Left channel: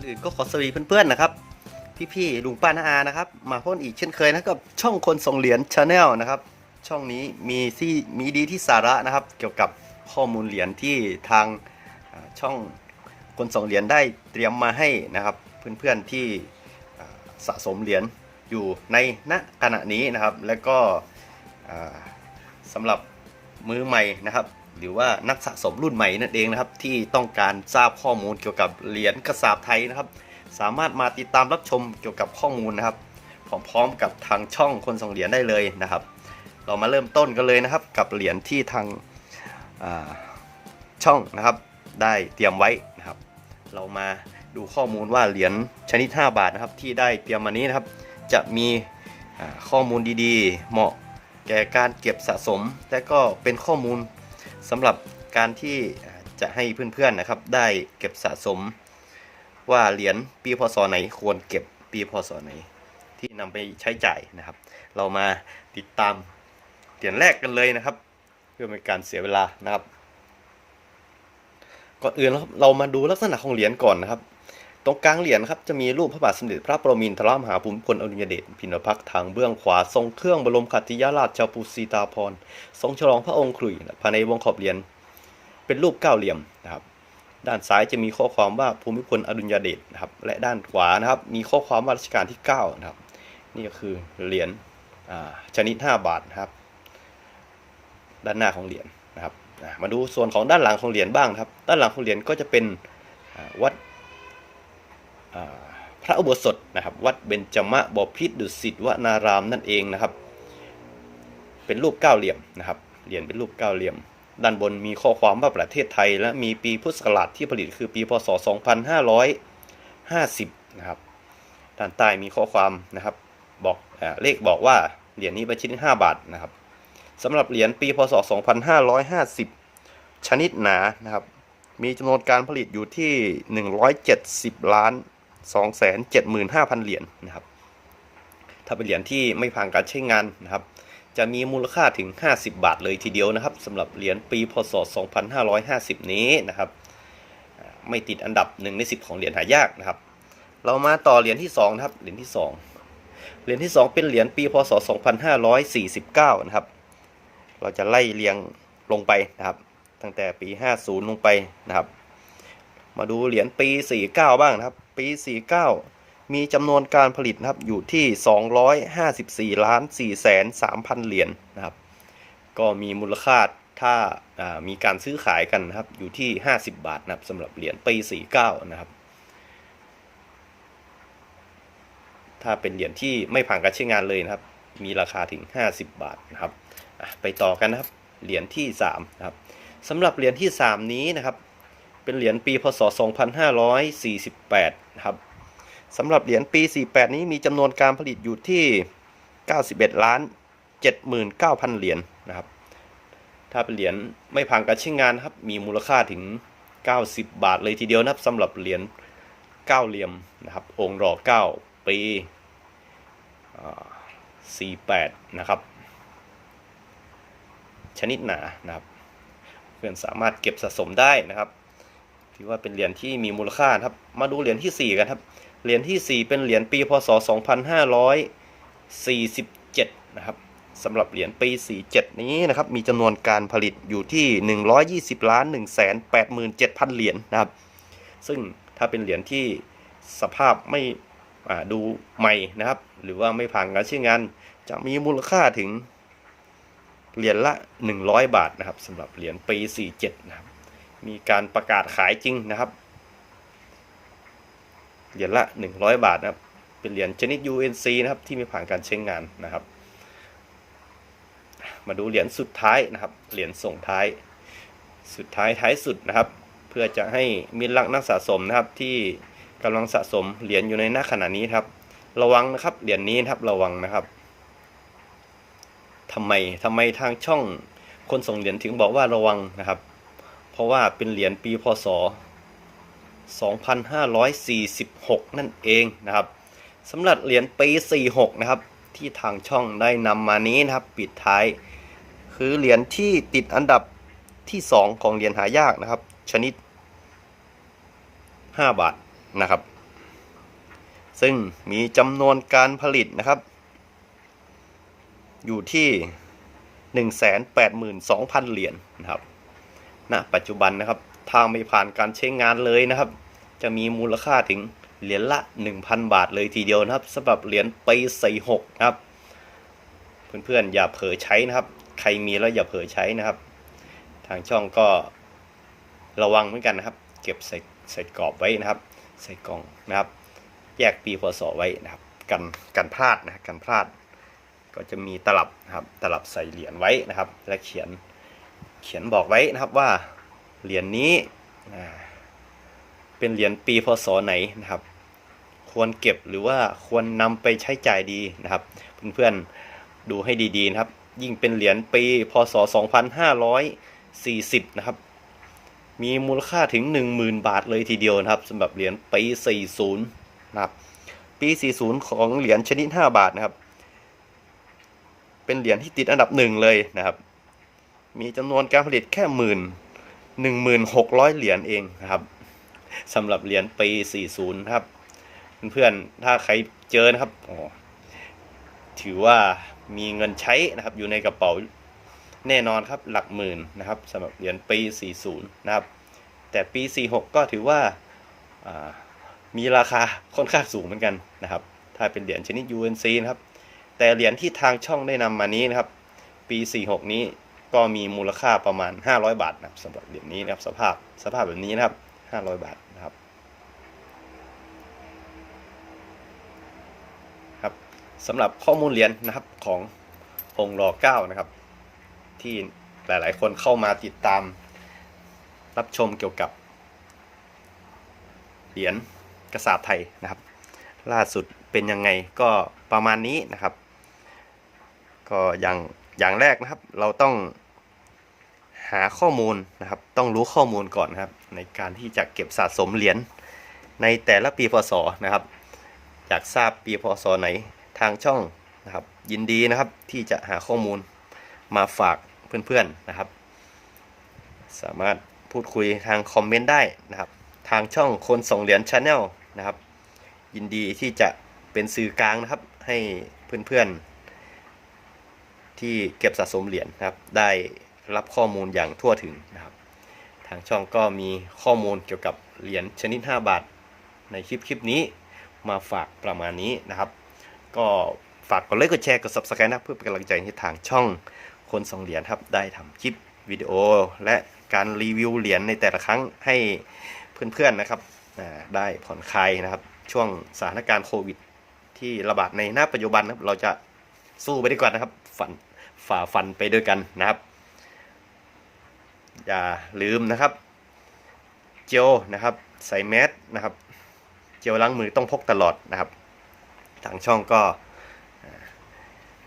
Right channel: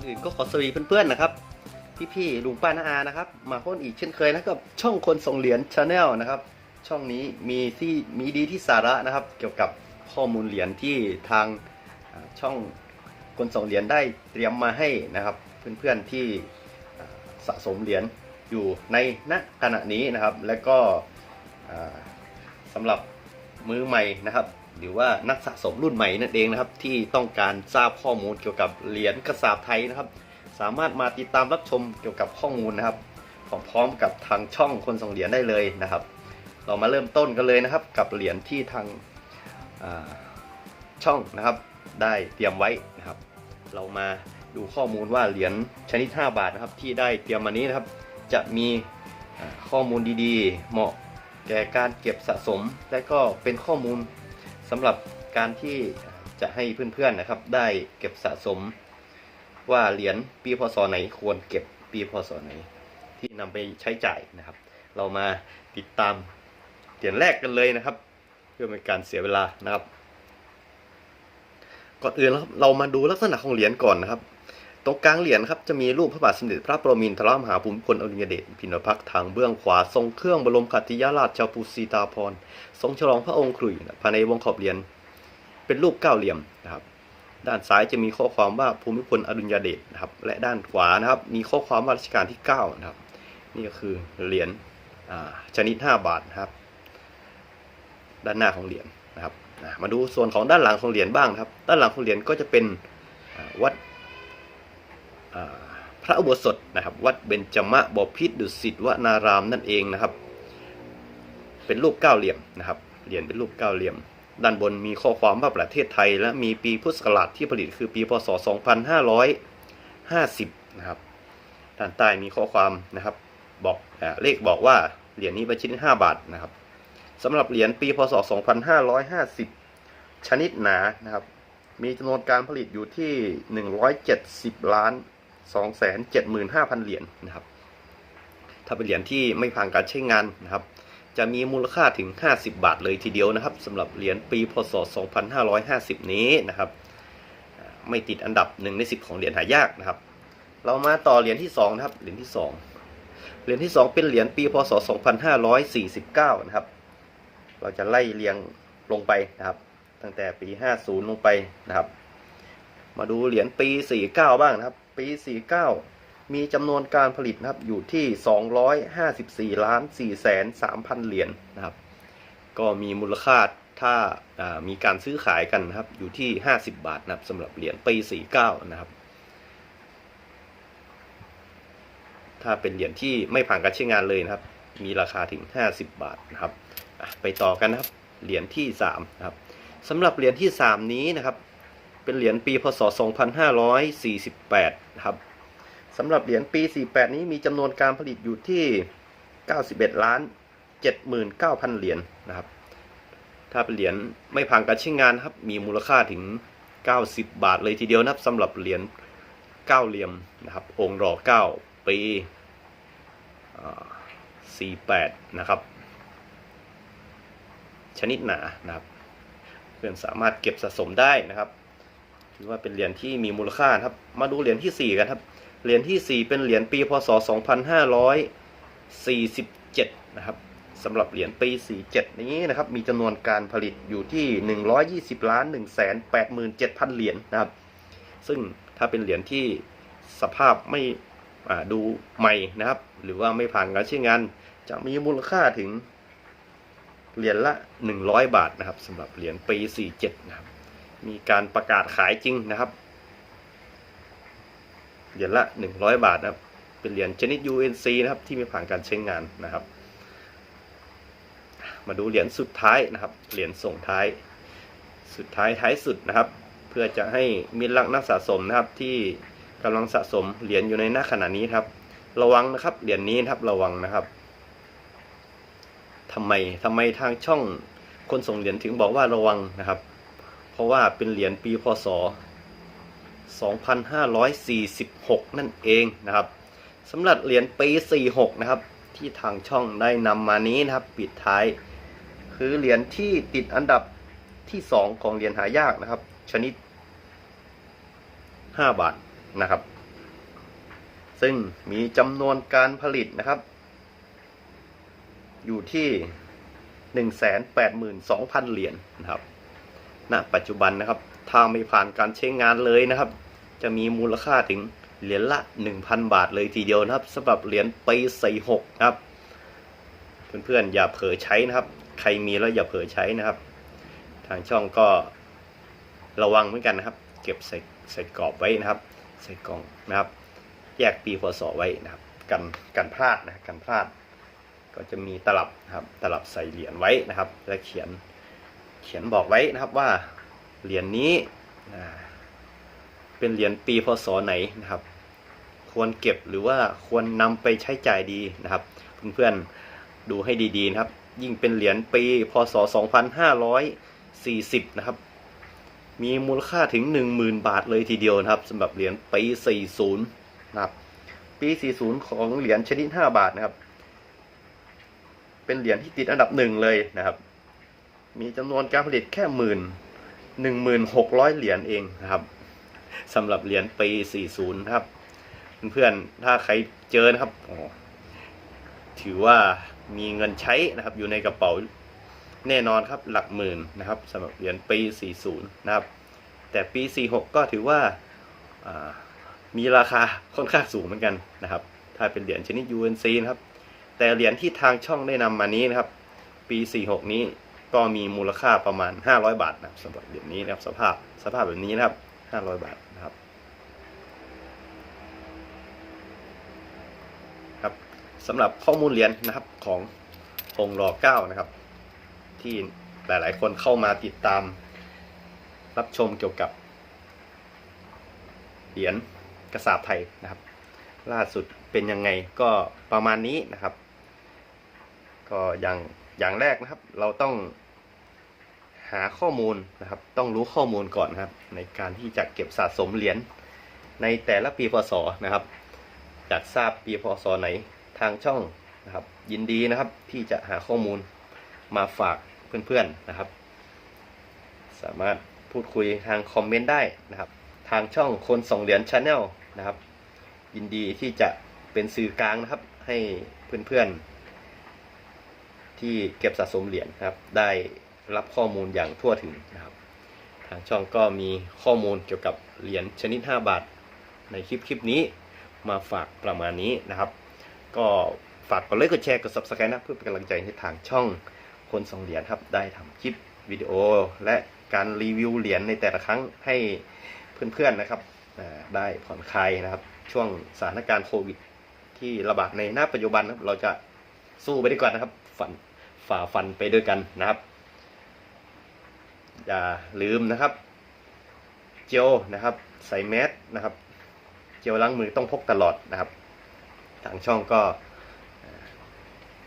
อนอื่นก็ขอสวัสดีเพื่อนๆนะครับพี่ๆลุงป้าน้าอานะครับ มาพ่นอีกเช่นเคยนะกับช่องคนส่งเหรียญชาแนลนะครับ ช่องนี้มีที่มีดีที่สาระนะครับ เกี่ยวกับข้อมูลเหรียญที่ทางช่องคนส่งเหรียญได้เตรียมมาให้นะครับ เพื่อนๆที่อ่สะสมเหรียญอยู่ในณขณะนี้นะครับ แล้วก็อ่าสำหรับมือใหม่นะครับ หรือว่านักสะสมรุ่นใหม่นั่นเองนะครับ ที่ต้องการทราบข้อมูลเกี่ยวกับเหรียญกระสาบไทยนะครับ สามารถมาติดตามรับชมเกี่ยวกับข้อมูลนะครับพร้อมๆกับทางช่องคนส่งเหรียญได้เลยนะครับ เรามาเริ่มต้นกันเลยนะครับ กับเหรียญที่ทางาช่องนะครับ ได้เตรียมไว้นะครับ เรามาดูข้อมูลว่าเหรียญชนิด 5 บาทนะครับ ที่ได้เตรียมมานี้นะครับ จะมีข้อมูลดีๆ เหมาะแก่การเก็บสะสม และก็เป็นข้อมูล สำหรับการที่จะให้เพื่อนๆนะครับ ได้เก็บสะสมว่าเหรียญปีพศไหนควรเก็บปีพศไหน ที่นำไปใช้จ่ายนะครับ เรามาติดตามเหรียญแรกกันเลยนะครับ เพื่อเป็นการเสียเวลานะครับก่อนอื่นนะครับเรามาดูลักษณะของเหรียญก่อนนะครับ ตรงกลางเหรียญครับจะมีรูปพระบาทสมเด็จพระปรมินทรมหาภูมิพลอดุลยเดชพินพักทางเบื้องขวา ทรงเครื่องบรมขัติยราชปุสีตาภรทรงฉลองพระองค์ขลุ่ยภายในวงขอบเหรียญเป็นรูปเก้าเหลี่ยมนะครับ ด้านซ้ายจะมีข้อความว่าภูมิพลอดุลยเดชนะครับและด้านขวานะครับมีข้อความว่ารัชกาลที่9นะครับนี่ก็คือเหรียญชนิด 5 บาทนะครับด้านหน้าของเหรียญนะครับมาดูส่วนของด้านหลังของเหรียญบ้างครับ ด้านหลังของเหรียญก็จะเป็นวัด พระอุโบสถนะครับ วัดเบญจมะบพิตรดุสิตวนารามนั่นเองนะครับ เป็นรูปเก้าเหลี่ยมนะครับเหรียญเป็นรูปเก้าเหลี่ยม ด้านบนมีข้อความว่าประเทศไทย และมีปีพุทธศักราชที่ผลิตคือปีพศ 2550 นะครับ ด้านใต้มีข้อความนะครับบอกเลขบอกว่าเหรียญนี้เป็นชนิด5บาทนะครับสำหรับเหรียญปีพศ 2550 ชนิดหนานะครับ มีจำนวนการผลิตอยู่ที่ 170 ล้าน 275,000 เหรียญนะครับ ถ้าเป็นเหรียญที่ไม่ผ่านการใช้งานนะครับ จะมีมูลค่าถึง 50 บาทเลยทีเดียวนะครับสำหรับเหรียญปีพศ 2550 นี้นะครับ ไม่ติดอันดับ1ใน10 ของเหรียญหายากนะครับ เรามาต่อเหรียญที่2นะครับ เหรียญที่ 2 เหรียญที่ 2 เป็นเหรียญปีพศ 2549 นะครับ เราจะไล่เรียงลงไปนะครับ ตั้งแต่ปี 50 ลงไปนะครับ มาดูเหรียญปี 49 บ้างนะครับ ปี 49 มีจำนวนการผลิตนะครับอยู่ที่ 254ล้าน4แสน3,000 เหรียญนะครับ ก็มีมูลค่าถ้าามีการซื้อขายกันนะครับอยู่ที่ 50 บาทนะครับสำหรับเหรียญปี 49 นะครับ ถ้าเป็นเหรียญที่ไม่ผ่านการใช้งานเลยนะครับ มีราคาถึง 50 บาทนะครับ ไปต่อกันนะครับ เหรียญที่3นะครับสำหรับเหรียญที่ 3 นี้นะครับ เป็นเหรียญปีพศ 2548นะครับสำหรับเหรียญปี 48 นี้มีจำนวนการผลิตอยู่ที่ 91 ล้าน 79,000 เหรียญนะครับ ถ้าเป็นเหรียญไม่ผ่านการใช้งานครับ มีมูลค่าถึง 90 บาทเลยทีเดียวนะครับสำหรับเหรียญเก้าเหลี่ยมนะครับ องค์รอ9 ปีอ่า48 นะครับ ชนิดหนานะครับ เพื่อนสามารถเก็บสะสมได้นะครับ ถือว่าเป็นเหรียญที่มีมูลค่าครับ มาดูเหรียญที่ 4 กันครับ เหรียญที่ 4 เป็นเหรียญปีพศ 2547 นะครับสำหรับเหรียญปี 47 นี้นะครับ มีจำนวนการผลิตอยู่ที่ 120ล้าน187,000 เหรียญนะครับ ซึ่งถ้าเป็นเหรียญที่สภาพไม่ดูใหม่นะครับ หรือว่าไม่ผ่านการใช้งาน จะมีมูลค่าถึงเหรียญละ 100 บาทนะครับสำหรับเหรียญปี 47 นะครับ มีการประกาศขายจริงนะครับเหรียญละ100บาทนะครับ เป็นเหรียญชนิด UNC นะครับ ที่ไม่ผ่านการใช้งานนะครับ มาดูเหรียญสุดท้ายนะครับ เหรียญส่งท้าย สุดท้ายท้ายสุดนะครับ เพื่อจะให้มิตรรักนักสะสมนะครับ ที่กำลังสะสมเหรียญอยู่ในหน้าขณะนี้ครับ ระวังนะครับ เหรียญนี้นะครับระวังนะครับทำไมทำไมทางช่องคนส่งเหรียญถึงบอกว่าระวังนะครับ ราะว่าเป็นเหรียญปีพศ 2546 นั่นเองนะครับสำหรับเหรียญปี 46 นะครับ ที่ทางช่องได้นำมานี้นะครับ ปิดท้าย คือเหรียญที่ติดอันดับที่ 2 ของเหรียญหายากนะครับ ชนิด 5 บาทนะครับ ซึ่งมีจำนวนการผลิตนะครับ อยู่ที่ 182,000 เหรียญนะครับ ณปัจจุบันนะครับถ้าไม่ผ่านการใช้งานเลยนะครับ จะมีมูลค่าถึงเหรียญละ 1,000 บาทเลยทีเดียวนะครับสำหรับเหรียญปี46ครับ เพื่อนๆอย่าเผลอใช้นะครับ ใครมีแล้วอย่าเผลอใช้นะครับ ทางช่องก็ระวังเหมือนกันนะครับ เก็บใส่ใส่กรอบไว้นะครับ ใส่กล่องนะครับ แยกปีพศไว้นะครับ กันกันพลาดนะกันพลาด ก็จะมีตลับนะครับ ตลับใส่เหรียญไว้นะครับ และเขียน เขียนบอกไว้นะครับว่าเหรียญนี้เป็นเหรียญปีพศไหนนะครับ ควรเก็บหรือว่าควรนำไปใช้จ่ายดีนะครับ เพื่อนๆดูให้ดีๆนะครับ ยิ่งเป็นเหรียญปีพศ 2540 นะครับ มีมูลค่าถึง 10,000 บาทเลยทีเดียวนะครับสำหรับเหรียญปี 40 นะครับ ปี 40 ของเหรียญชนิด 5 บาทนะครับ เป็นเหรียญที่ติดอันดับหนึ่งเลยนะครับ มีจำนวนการผลิตแค่หมื่นหนึ่งหมื่นหกร้อยเหรียญเองนะครับสำหรับเหรียญปี40นะครับ เพื่อนๆถ้าใครเจอนะครับถือว่ามีเงินใช้นะครับ อยู่ในกระเป๋าแน่นอนครับหลักหมื่นนะครับสำหรับเหรียญปี 40 นะครับ แต่ปี 46 ก็ถือว่าอ่ามีราคาค่อนข้างสูงเหมือนกันนะครับ ถ้าเป็นเหรียญชนิด UNC นะครับ แต่เหรียญที่ทางช่องได้นำมานี้นะครับ ปี 46 นี้ ก็มีมูลค่าประมาณ 500 บาทนะครับสำหรับเหรียญนี้นะครับสภาพสภาพแบบนี้นะครับ 500 บาทนะครับครับสำหรับข้อมูลเหรียญนะครับขององค์รอเก้านะครับ ที่หลาย ๆ คนเข้ามาติดตาม รับชมเกี่ยวกับเหรียญกระสาบไทยนะครับ ล่าสุดเป็นยังไงก็ประมาณนี้นะครับ ก็ย่าง อย่างแรกนะครับ เราต้องหาข้อมูลนะครับ ต้องรู้ข้อมูลก่อนนะครับ ในการที่จะเก็บสะสมเหรียญในแต่ละปีพศนะครับ อยากทราบปีพศไหนทางช่องนะครับ ยินดีนะครับที่จะหาข้อมูลมาฝากเพื่อนๆนะครับ สามารถพูดคุยทางคอมเมนต์ได้นะครับ ทางช่องคนส่งเหรียญชาแนลนะครับ ยินดีที่จะเป็นสื่อกลางนะครับ ให้เพื่อนๆ ที่เก็บสะสมเหรียญครับ ได้รับข้อมูลอย่างทั่วถึงนะครับ ทางช่องก็มีข้อมูลเกี่ยวกับเหรียญชนิด 5 บาท ในคลิปคลิปนี้มาฝากประมาณนี้นะครับ ก็ฝากกดไลค์กดแชร์กด subscribe นะเพื่อเป็นกำลังใจให้ทางช่องคนส่งเหรียญครับ ได้ทำคลิปวิดีโอ และการรีวิวเหรียญในแต่ละครั้งให้เพื่อนๆนะครับได้ผ่อนคลายนะครับ ช่วงสถานการณ์โควิด ที่ระบาดในหน้าปัจจุบันนะครับเราจะสู้ไปด้วยกันนะครับฝัน ฝ่าฟันไปด้วยกันนะครับ อย่าลืมนะครับ เจลนะครับ ใส่แมสนะครับ เจลล้างมือต้องพกตลอดนะครับ ทางช่องก็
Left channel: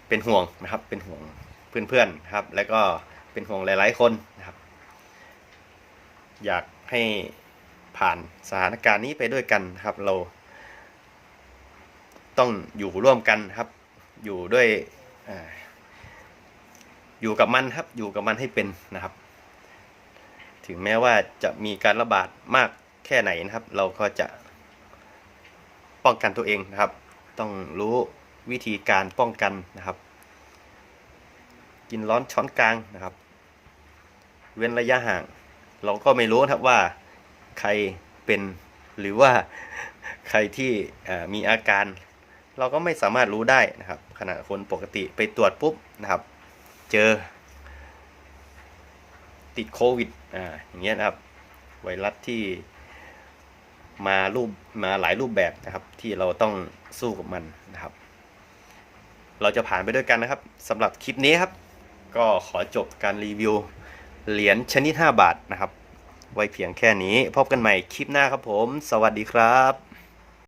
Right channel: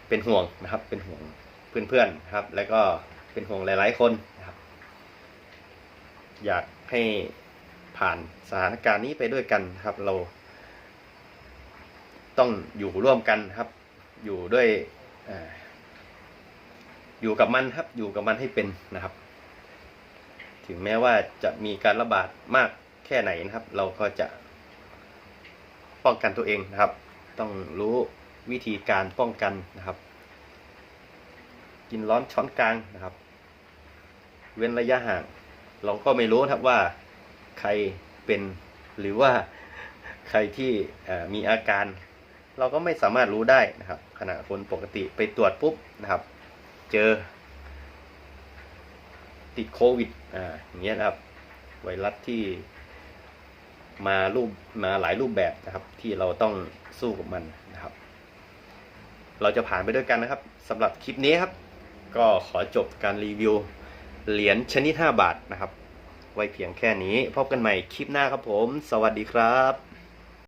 เป็นห่วงนะครับ เป็นห่วงเพื่อนๆนะครับ แล้วก็เป็นห่วงหลายๆคนนะครับ อยากให้ผ่านสถานการณ์นี้ไปด้วยกันครับ เราต้องอยู่ร่วมกันครับ อยู่ด้วยอ่อ อยู่กับมันครับ อยู่กับมันให้เป็นนะครับ ถึงแม้ว่าจะมีการระบาดมากแค่ไหนนะครับ เราก็จะป้องกันตัวเองนะครับ ต้องรู้วิธีการป้องกันนะครับ กินร้อนช้อนกลางนะครับ เว้นระยะห่าง เราก็ไม่รู้ครับว่าใครเป็นหรือว่าใครที่มีอาการ เราก็ไม่สามารถรู้ได้นะครับขณะคนปกติไปตรวจปุ๊บนะครับ เจอ ติดโควิดอ่าอย่างเงี้ยนะครับ ไวรัสที่มารูปมาหลายรูปแบบนะครับ ที่เราต้องสู้กับมันนะครับ เราจะผ่านไปด้วยกันนะครับสำหรับคลิปนี้ครับ ก็ขอจบการรีวิวเหรียญชนิด 5 บาทนะครับ ไว้เพียงแค่นี้ พบกันใหม่คลิปหน้าครับผม สวัสดีครับ